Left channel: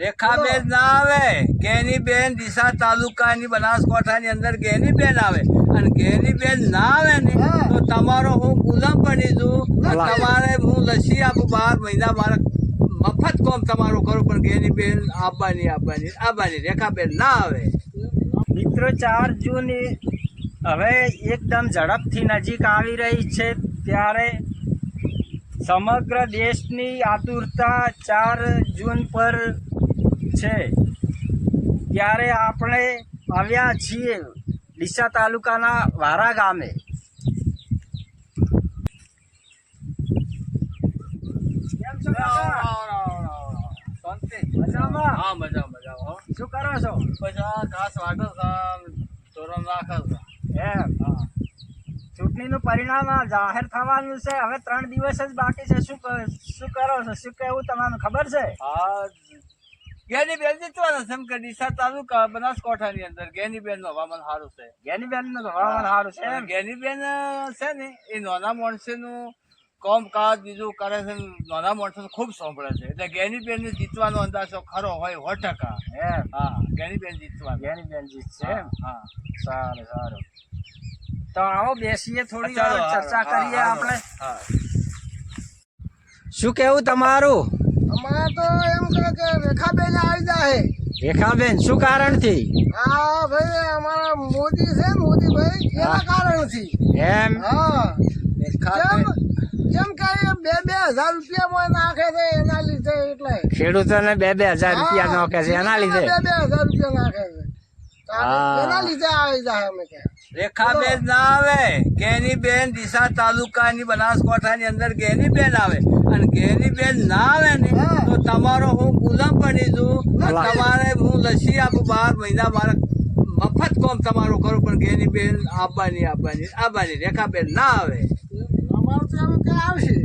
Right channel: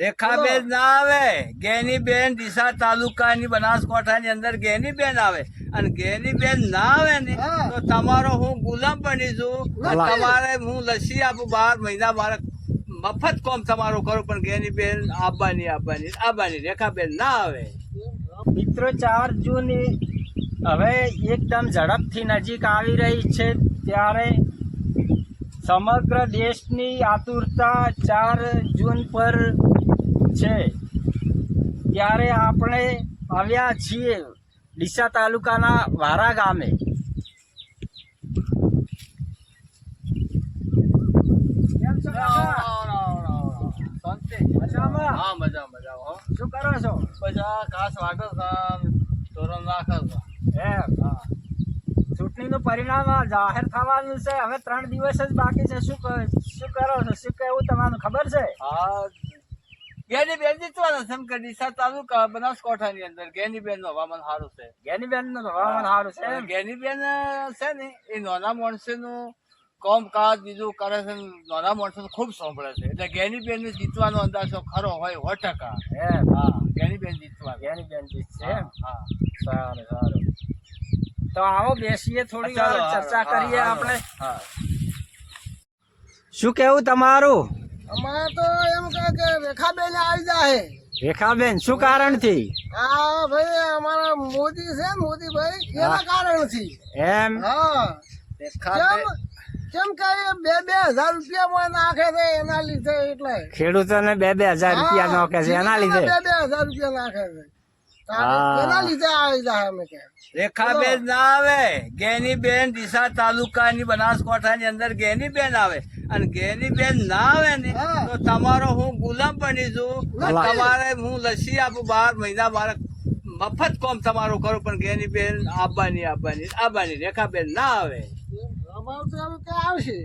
રેખાબેન ના આવે, ગેનીબેન ડીસા તાલુકાની બનાસકાંઠાની અંદર ગેનીબેન આવે, અને ગેનીબેન ના આવે ને તો તમારો હું ગુલામ બની છું. તમારે હું લસી આપું 12 મહિના, મારે મફત કામ તમારું કરું, પણ ગેનીબેન આવવાની રેખાબેન ના આવે. મિત્રો 4 જૂન હવે એકદમ ઝડપથી નજીક આવી રહી છે, ત્યારે સમગ્ર દેશની આતુરતા 4 જૂન પર છે. ત્યારે આપણે આવ્યા છીએ ડીસા તાલુકાના વારા ગામે. કેમ છો કાકા? મજામાં? હા, મજા હો. શું કરો છો? પછી આ ઘાસ વાટો છે, તોરણ રાખે છે. એમ ચૂંટણીનું પરિણામ જાહેર થવાનું છે, હવે 3 દિવસ જ બાકી છે. શું કરો છો? શું કહેવું તમારું ખબર છે? હા, ગેનીબેન જીતવાના છે, એમ કે ડીસા તાલુકા બનાસકાંઠાની અંદર ગેનીબેન નું હવામાન સારું છે. ગેનીબેનનું હવામાન સારું છે એમ? ગેનીબેન છે ને એ નાના માણસોનું કામકાજ બીજું કરે છે, નાના માણસો ખૂબ સાંભળે છે, એટલે ગેનીબેન ને જીતવાનો અંદાજો ખરો હોય 100%. એમ? હા, ગેનીબેન જીતવા. ગેનીબેન જીતશે એમ? હા, સારું. તો આવો બેસીએ, થોડી ચાલો, ચર્ચા કરીએ આપણે. હા. શું કેવું તમારું? અમારે તો એમ કે રેખાબેન આવી જાય. રેખાબેન શું કારણથી? હા ભાઈ, અમારા મોદી છે ને, મોદીભાઈ, એના કારણથી. એમ? હા, કેમ કે 2,000 રૂપિયા નાખે છે એના લીધે, એટલે ખેડૂતોને 2,000 રૂપિયા નાખે છે એના લીધે? 2,000 રૂપિયા નાખે છે, એના લીધે આવી જાય. અમે કે રેખાબેન ના આવે, ગેનીબેન ડીસા તાલુકાની બનાસકાંઠાની અંદર ગેનીબેન આવે, અને ગેનીબેન ના આવે ને તો તમારો હું ગુલામ બની છું. તમારે હું લસી આપું 12 મહિના, મારે મફત કામ તમારું કરું, પણ ગેનીબેન આવવાની રેખાબેન ના આવે. અમારે તો એમ કે આવશે.